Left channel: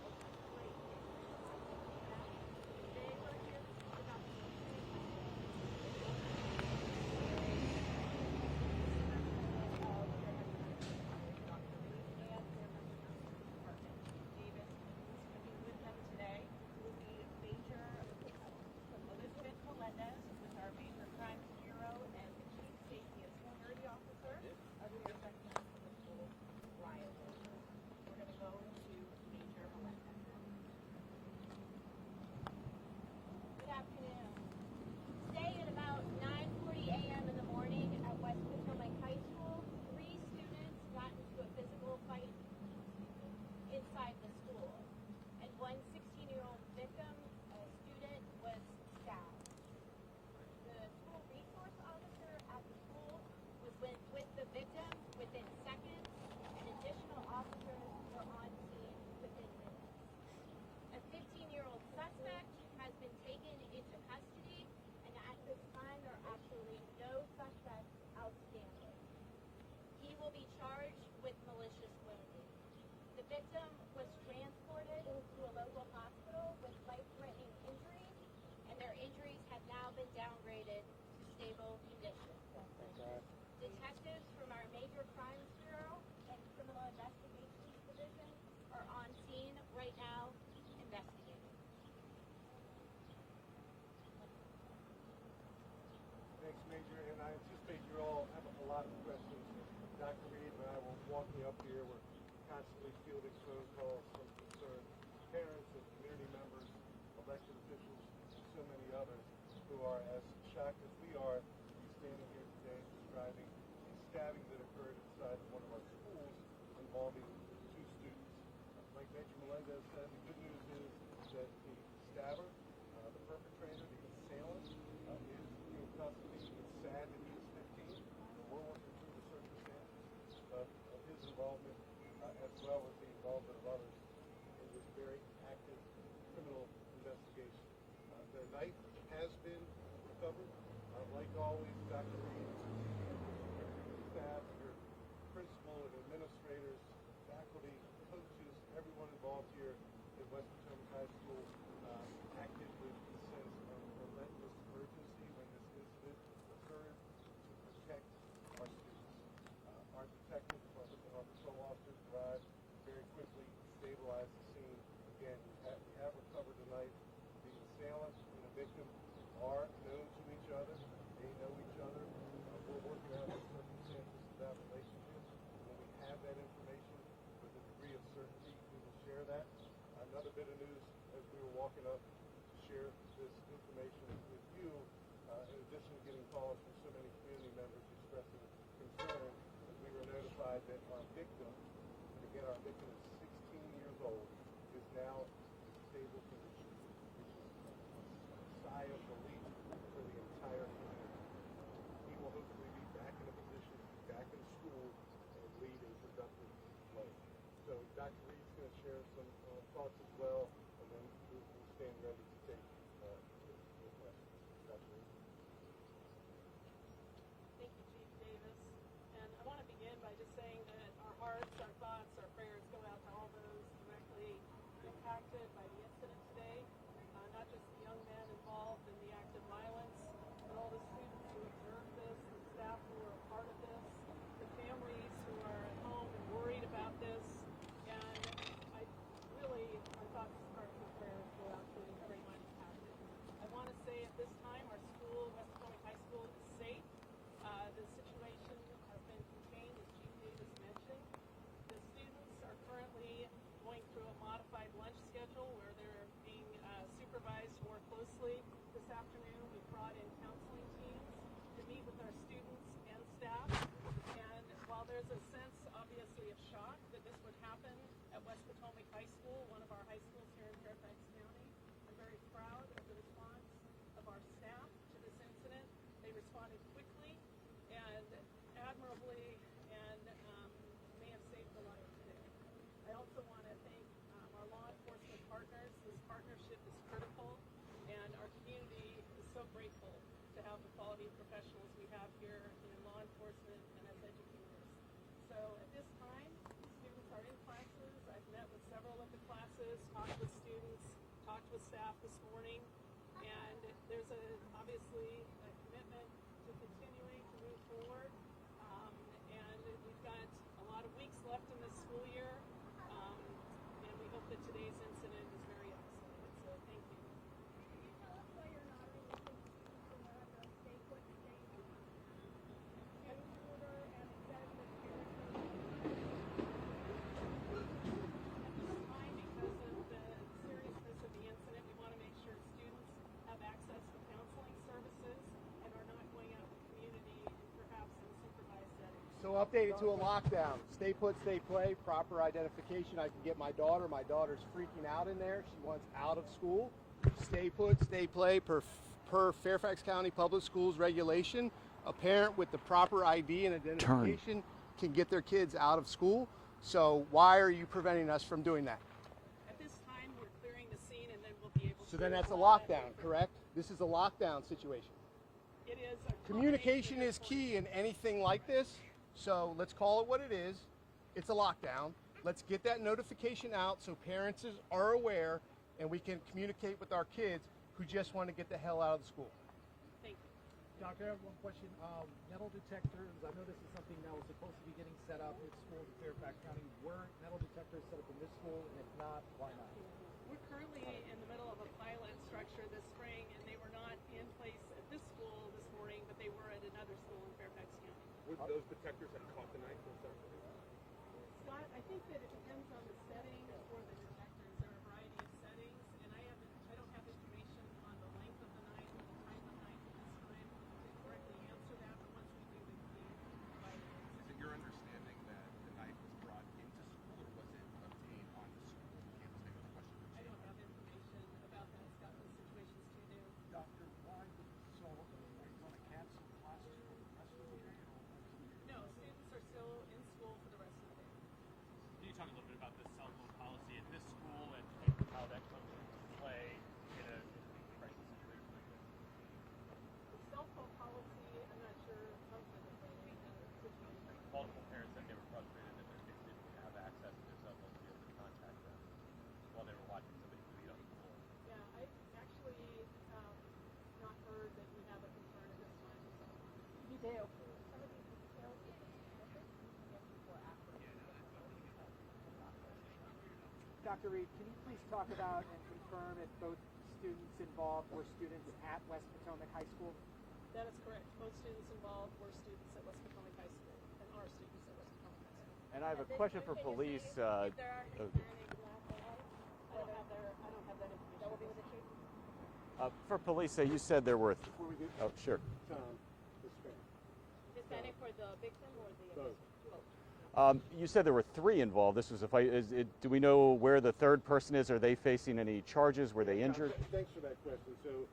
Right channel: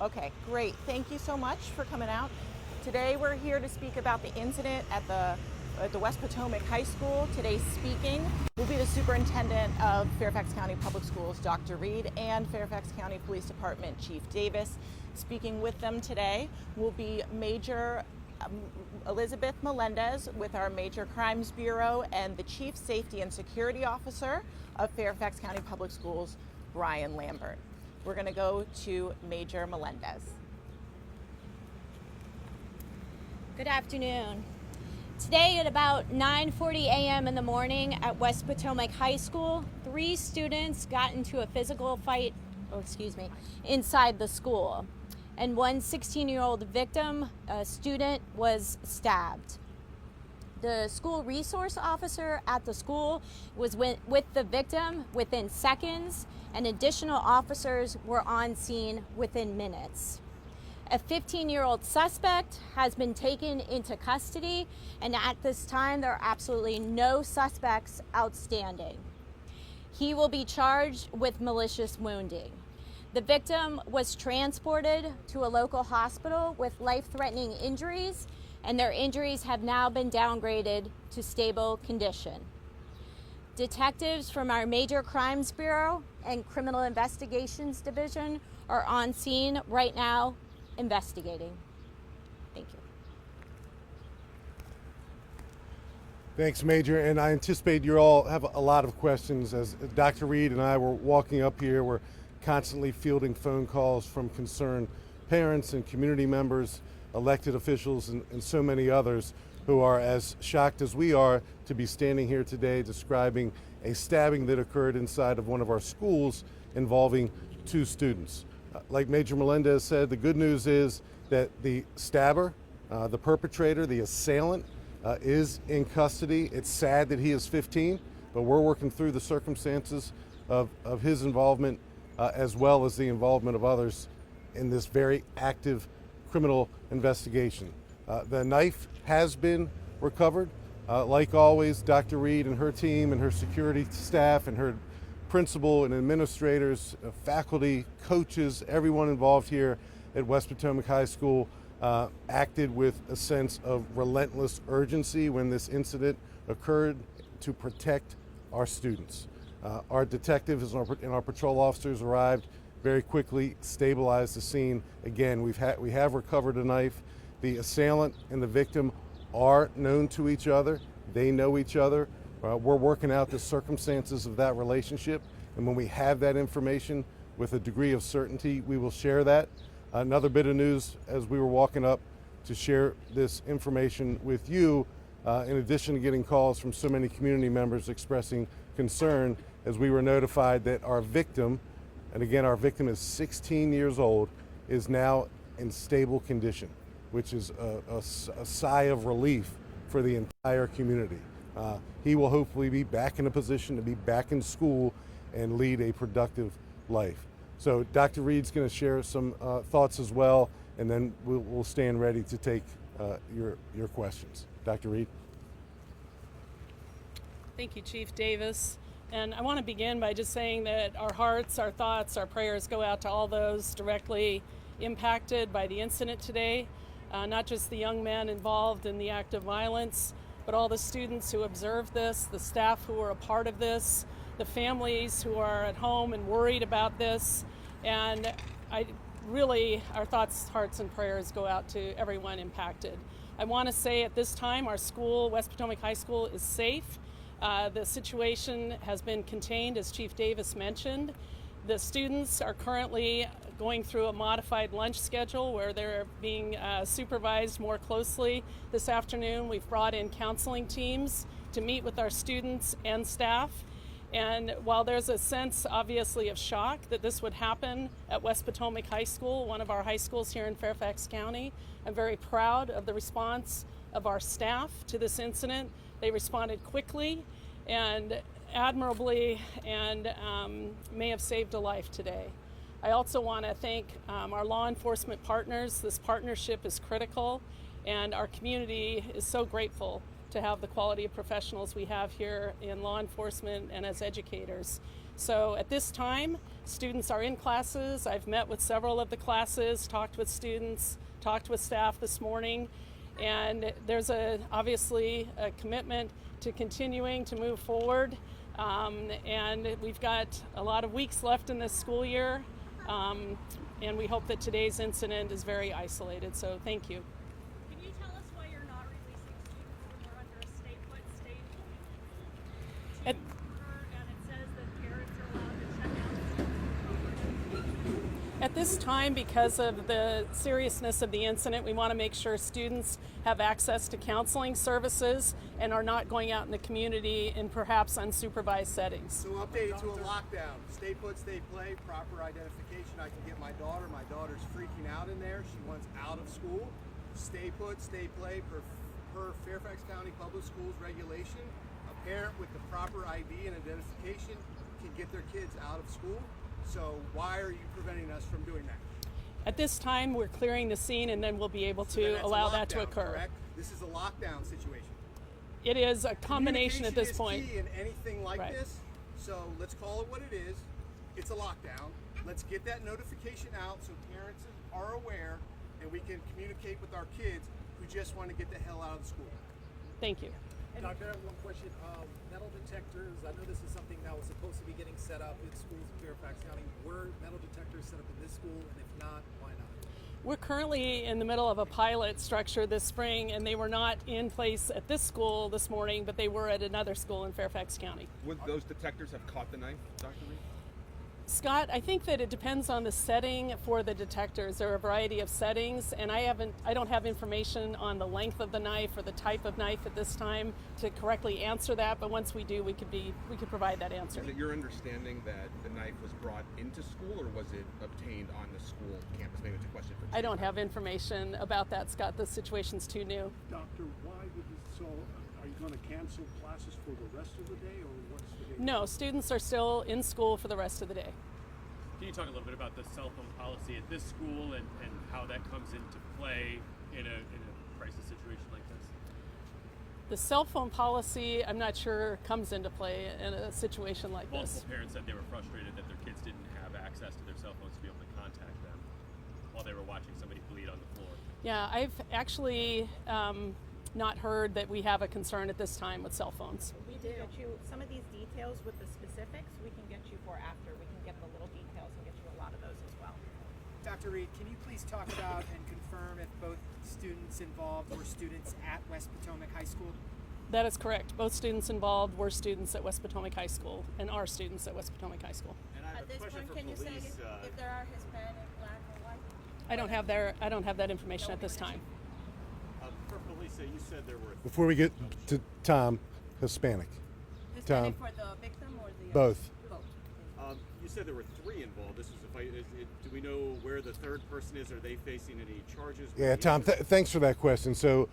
Okay, great. Thank you so much for coming out. Today we're here to speak about the incident at the West Potomac High School. Today's speaking will be the Superintendent of Fairfax County Public Schools, Dr. Reed, and Fairfax County Police Department Chief Davis. Speaking with them today will be Major Elizabeth Melendez with our Major Crimes Bureau and the Chief Safety and Security Officer of Fairfax County Public Schools, Brian Lambert. We're going to go to Major Melendez. Good afternoon. Today at about 9:40 a.m. in the morning at West Potomac High School, 3 students got into a physical fight, inside the school. And one 16-year-old victim, a student, was stabbed. The school resource officer at the school was with the victim within seconds, and additional officers were on scene within minutes. A 15-year-old suspect has been taken into custody, and at this time there are absolutely no suspects outstanding. He will be charged with malicious wounding. The victim was transported to a local hospital with life-threatening injuries, and their injuries have now been downgraded to stable condition. Detectives from our Major Crimes Bureau and Criminal Investigations Division are on scene right now investigating. Thank you. Thanks, Major, and I anticipate you all have a lot of questions. As Dr. Reed and I were walking up here, we're constantly fielding phone calls from concerned parents and community members, elected officials, and so many others who are as shocked as we are to be standing here today describing a stabbing that occurred inside of one of our schools involving 2 students. Like Major Melendez said, the good news is that the stabber, the perpetrator, the assailant, is in custody. It's sad that he is 15, but we're working through the circumstances of his involvement as well as the involvement of others in this very active criminal investigation. The knife has been recovered. Like always, Dr. Reed and her team and her security staff and her principal and administrators, faculty, coaches, everyone involved here at West Potomac High School acted with a sense of relentless urgency when this incident occurred to protect our students. Our detectives and our patrol officers arrived very quickly, stabilized the scene. Again, we have recovered a knife. The assailant and the victim are known to each other. They know each other. We're working out the circumstances of that relationship, and when we have that information with a degree of certainty, we will share that. Another bit of news as we were walking up to share this information with you, in addition to getting calls from so many community members expressing concern, as we were notified that our victim, and again our victim is 16 years old, is now in stable condition, which is a sigh of relief for the entire community. He will hopefully be back in a position to be back in school and lead a productive life. So Dr. Reed's going to share some thoughts as well, and then we'll stand ready to take your questions. Dr. Reed. Thank you, Chief Davis. And I want to begin by just saying that our hearts, our thoughts, our prayers go out to all those directly impacted by the incident today, not just the young men involved in the act of violence, but all the students who observed this, the staff who were a part of this, the families who are at home and worried about this. And our thoughts, hearts, and prayers go out to everyone impacted. I want to say at this time, our school, West Potomac High School, is safe. The situation has been contained, as Chief Davis mentioned. The students are currently going through a modified lunch schedule where they're being supervised more closely. This afternoon, we've brought in counseling teams to meet with our students and staff. And while there's a sense, obviously, of shock that this would happen at West Potomac High School, one of our high schools here in Fairfax County, I'm very proud of the response of our staff to this incident. They responded quickly and admirably, and may have saved a life today. I also want to thank our law enforcement partners. This partnership is critical, and our community is so grateful to have the quality of professionals we have here in law enforcement and as educators. So at this time, students are in classes. I've met with several of the classes, talked with students, talked with staff this morning, and there's obviously a commitment to continuing to move forward. And we've got a lot of weeks left in this school year, and we hope that today's incident is very isolated. So thank you. Can you tell us why you're not releasing students when we're under a stay put, stay At- order, and it says that parents are allowed to check out? At this time, because of the seriousness of the incident, we want to make sure students have access to counseling services and are not going out in the community in perhaps unsupervised settings. So update to a lockdown. Stay put, stay play, proper identification. I can get my daughter. My daughter's freaking out in there. She wants out of school. Stay put, stay play per Fairfax County Public Schools regulation. A parent with the proper ID and identification can get their kids out of school. So why are you preventing us from doing that? At this time, we're clearing the scene, and then we'll be able So then to that's allow a that to lockdown, occur. correct? This is a lockdown situation. It is a combination at this point. Communication is key in anything like Right. this. So let's call it what it is. It's a lockdown. Let's get that notification out so parents are aware and we can communicate with our kids who just want to get the hell out of the school. Thank you. Doctor, I have one question. Metal detectors, I know this is something that was supposed to be getting set up in schools in Fairfax County. Were metal detectors set up in this school? And if not, why not? We're currently in the middle of a pilot structure this spring, and they were not in place at this school this morning, but they were at another school in Fairfax County. Would those detectors have caught the knife, Dr. Reed? Scott, I think that it depends on the setting for the detectors. There are a variety of settings, and I don't have information on the length of the knife or the type of knife at this time to correctly answer that. But once we do, we could provide that answer. Is it your understanding that the knife was brought into school, or was it obtained on the school campus? Maybe it's a question for I don't have information about that, Scott. The situation's too new. Doctor, why would this, so are you going to cancel classes for the rest of the day, or what's the day? No, students are still in school for the rest of the day. Can you talk a little bit about the cell phone policy at this school and how that comes into play in a crisis situation like this? The cell phone policy, I'm not sure, comes into play in a situation like this. Multiple parents said they were frustrated that their kids didn't have access to their cell phones to be able to contact them while they were watching somebody bleed on the floor. Yeah, I've actually not heard that we have a concern at this time with cell phones. We do. Get you some of these details with the specifics. We can get you for after. We can get the little details and get you a lot of those as well. Dr. Reed, can you please talk about and confirm if both students involved were students at West Potomac High School? That is correct. Both students involved were students at West Potomac High School and are students at West Potomac High School. And I have a question for police. if there are Hispanic, Black, or white? I don't have that information at this time. For police, you said there were Before we get Oh, sure. to Tom, Hispanic. Hispanic Tom. for the victim or the Both. you said there were 3 involved. This was a fight. Do we know where the third person is? Are they facing any charges? Were Yeah, they Tom, injured? thanks for that question. So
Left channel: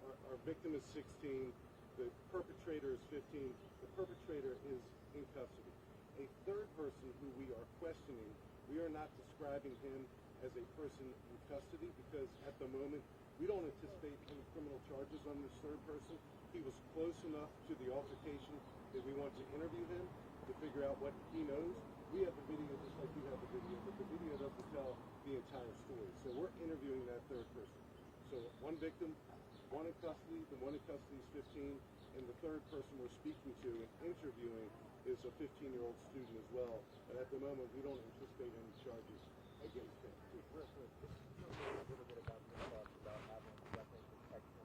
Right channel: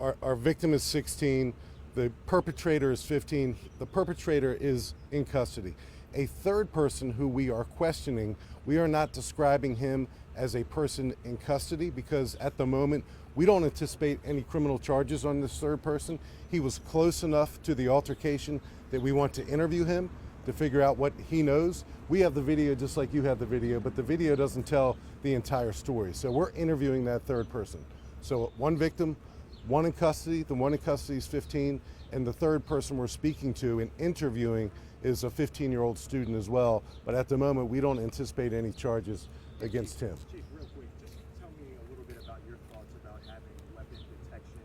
our victim is 16, the perpetrator is 15. The perpetrator is in custody. A third person who we are questioning, we are not describing him as a person in custody because at the moment we don't anticipate any criminal charges on this third person. He was close enough to the altercation that we want to interview him to figure out what he knows. We have the video just like you have the video, but the video doesn't tell the entire story. So we're interviewing that third person. So one victim, one in custody, the one in custody is 15, and the third person we're speaking to and interviewing is a 15-year-old student as well. But at the moment, we don't anticipate any charges against him. Chief, real quick, just tell me a little bit about your thoughts about having weapon detection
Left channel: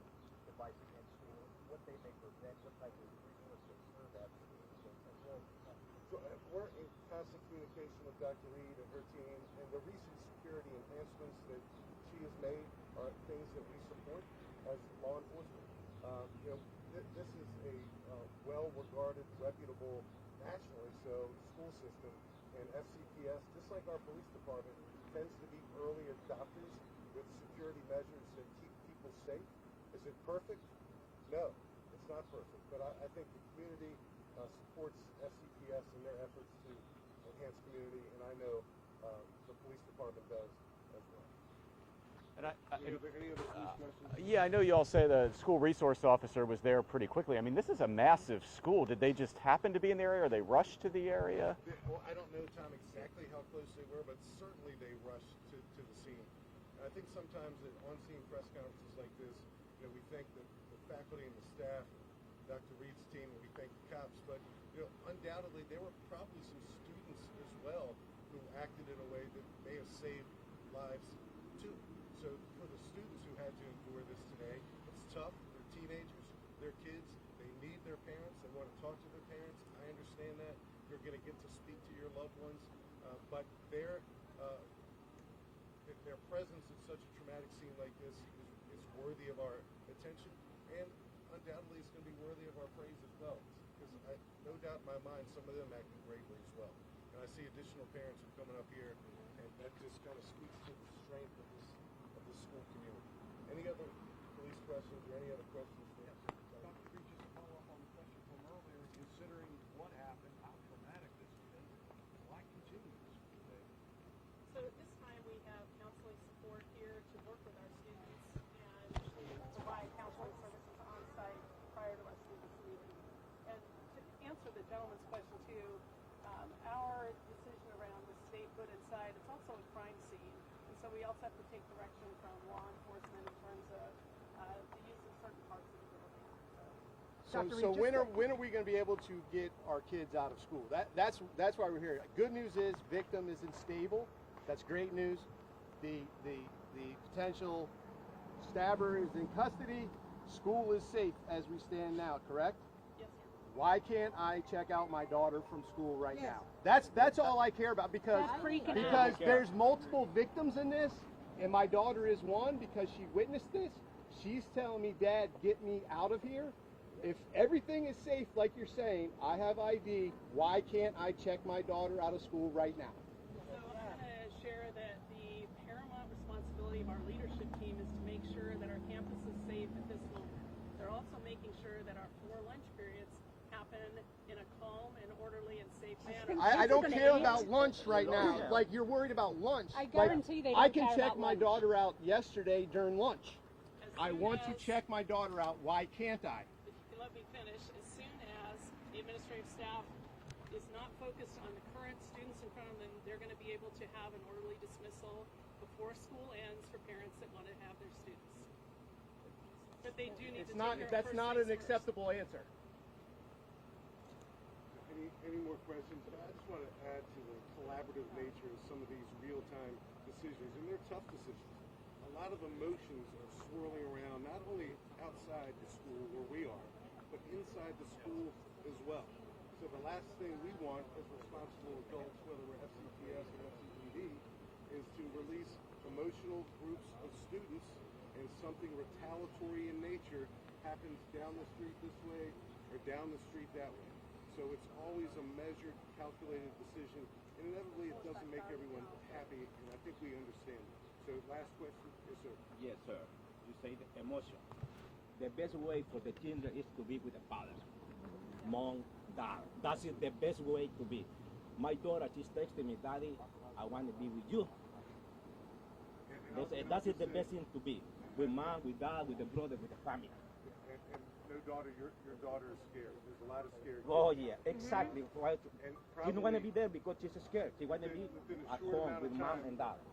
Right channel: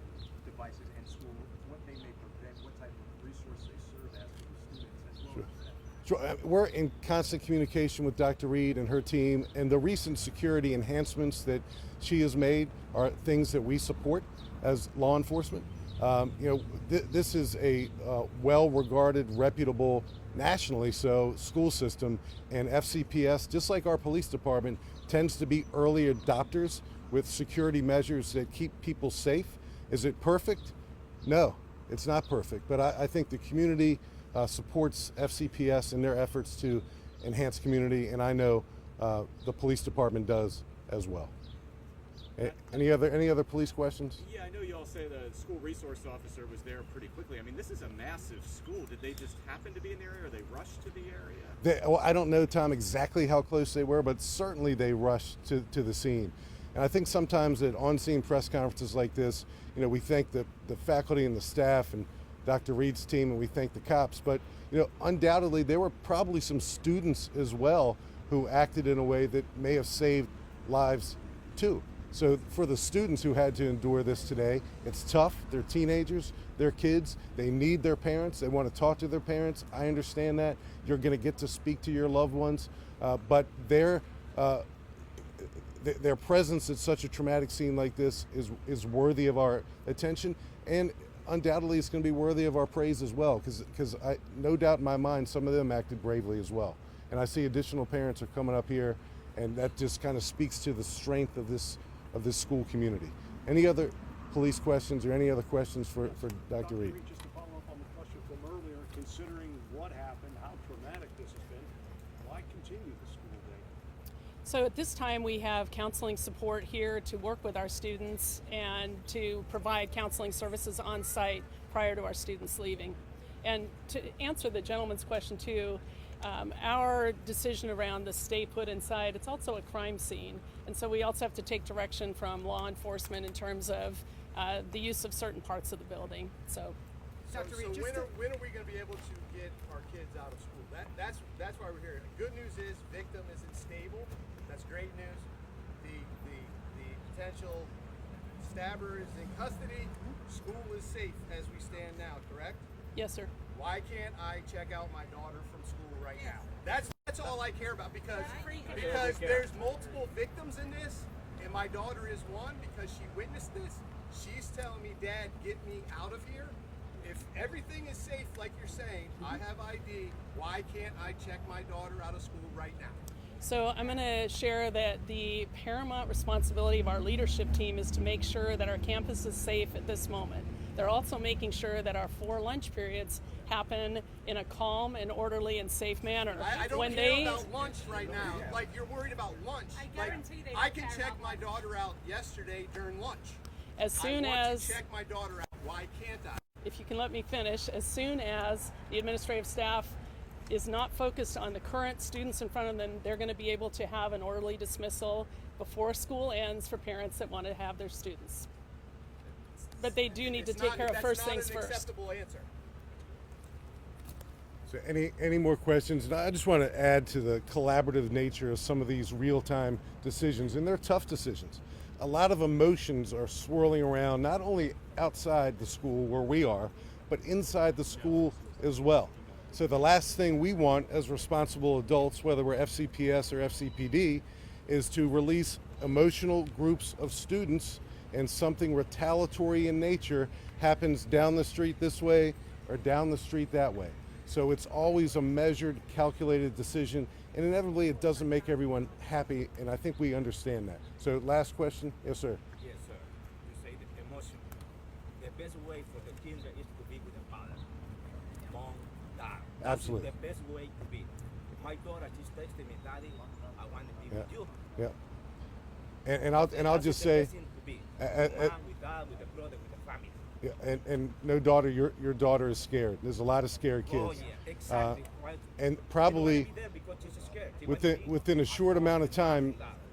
devices in school, what they may prevent, what type of resource they serve as to the students as well as that. Sure. We're in constant communication with Dr. Reed and her team, and the recent security enhancements that she has made are things that we support as law enforcement. This is a well-regarded, reputable, nationally so, school system, and FCPS, just like our police department, tends to be early adopters with security measures that keep people safe. Is it perfect? No, it's not perfect, but I think the community supports FCPS in their efforts to enhance community, and I know the police department does as well. Any other police questions? Yeah, I know you all say the school resource officer was there pretty quickly. I mean, this is a massive school. Did they just happen to be in the area, or they rushed to the area? Well, I don't know, Tom, exactly how close they were, but certainly they rushed to the scene. And I think sometimes at on-scene press conferences like this, we thank the faculty and the staff and Dr. Reed's team, and we thank the cops. But undoubtedly there were probably some students as well who acted in a way that may have saved lives too. So for the students who had to endure this today, it's tough. They're teenagers, they're kids, they need their parents, they want to talk to their parents. I understand that. You're going to get to speak to your loved ones, but their presence at such a traumatic scene like this is worthy of our attention, and undoubtedly it's going to be worthy of our praise as well, because no doubt in my mind some of them acted bravely as well. And I see additional parents are coming up here, and that just kind of speaks to the strength of this school community. Any other police questions or any other questions for Dr. Reed? Just to follow up on the question from earlier, considering what happened, how traumatic this has been, why continue the school day? So at this time we have counseling support here to work with our students and to provide counseling services on site prior to our students leaving. And to answer the gentleman's question too, our decision around the stay put inside, it's also a crime scene. And so we also have to take direction from law enforcement in terms of the use of certain parts of the building. So when are we going to be able to get our kids out of school? That's why we're here. Good news is victim isn't stable. That's great news. The potential stabber is in custody. School is safe as we stand now, correct? Yes, sir. Why can't I check out my daughter from school right now? That's all I care about, because there's multiple victims in this, and my daughter is one because she witnessed this. She's telling me, Dad, get me out of here. If everything is safe, like you're saying, I have ID, why can't I check my daughter out of school right now? So I'm going to share that the paramount responsibility of our leadership team is to make sure that our campus is safe at this moment. They're also making sure that our 4 lunch periods happen in a calm and orderly and safe manner. I don't hear about lunch right now. Like, you're worried about lunch. I guarantee they don't I can care check about my lunch. daughter out yesterday during lunch. As soon I want as to check my daughter out. Why can't I? If you can let me finish, as soon as the administrative staff is not focused on the current students in front of them, they're going to be able to have an orderly dismissal before school ends for parents that want to have their students. But they do need to take care of first things That's not an first. acceptable answer. So any more questions? And I just want to add to the collaborative nature of some of these real-time decisions, and they're tough decisions. A lot of emotions are swirling around, not only outside the school where we are, but inside the school as well. So the last thing we want as responsible adults, whether we're FCPS or FCPD, is to release emotional groups of students and something retaliatory in nature happens down the street this way or down the street that way. So it's always a measured, calculated decision, and inevitably it doesn't make everyone happy, and I think we understand that. So last question? Yes, sir. Yes, sir. You say the emotion. The best way for the children is to be with the father. Mom, dad. That's Absolutely. the best way to be. My daughter just texted me, Daddy, I want to be with you. Yeah. And I'll just say, That's the best thing to be. With mom, with dad, with the brother, with the family. yeah, and no daughter, your daughter is scared. There's a lot of scared kids. Oh yeah, exactly. Right. And She don't probably wanna be there because she's scared. She wants to be within a short at amount of home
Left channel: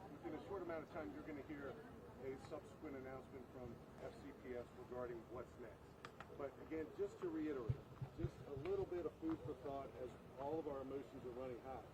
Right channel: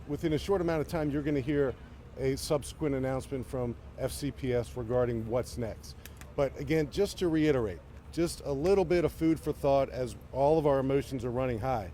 with mom time, and dad. you're going to hear a subsequent announcement from FCPS regarding what's next. But again, just to reiterate, just a little bit of food for thought as all of our emotions are running high.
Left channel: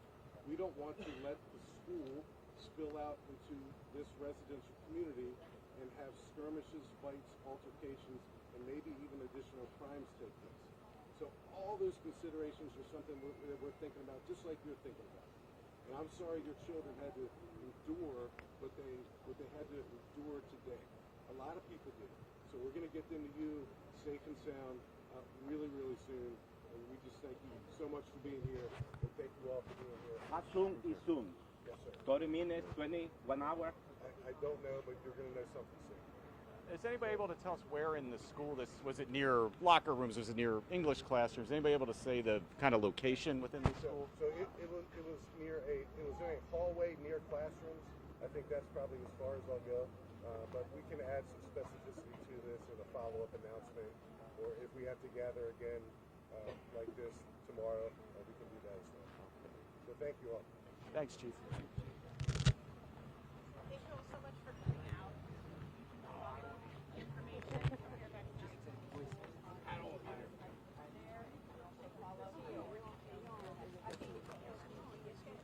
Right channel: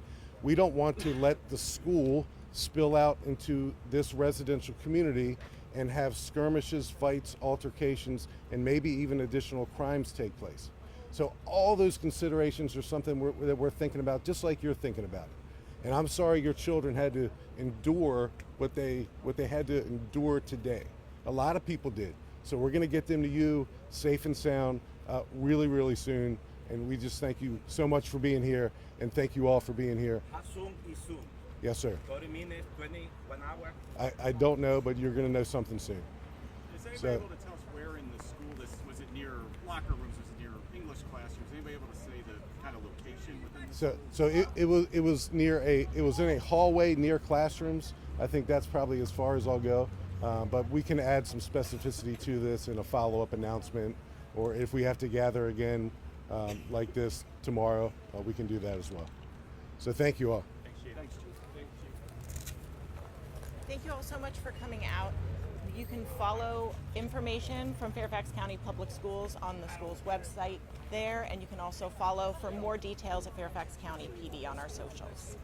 We don't want to let the school spill out into this residential community and have skirmishes, fights, altercations, and maybe even additional crimes take place. So all those considerations are something that we're thinking about, just like you're thinking about it. And I'm sorry your children had to endure what they had to endure today. A lot of people did. So we're going to get them to you safe and sound really, really soon. And we just thank you so much for being here, and thank you all for being here. How soon is soon? Yes, sir. 30 minutes, 20, 1 hour? I don't know, but you're going to know something soon. Is anybody able to tell us where in the school this was? It near locker rooms? Was it near English classrooms? Anybody able to say the kind of location within the school? So it was in a hallway near classrooms. I think that's probably as far as I'll go. But we can add some specificity to this in a follow-up announcement, or if we have to gather again like this tomorrow, we can do that as well. So thank you all. Thanks, Chief. Thank you all so much for coming out. You can follow information from Fairfax County Public Schools on the school's website there, and you can also follow for more details at Fairfax County PD on our socials.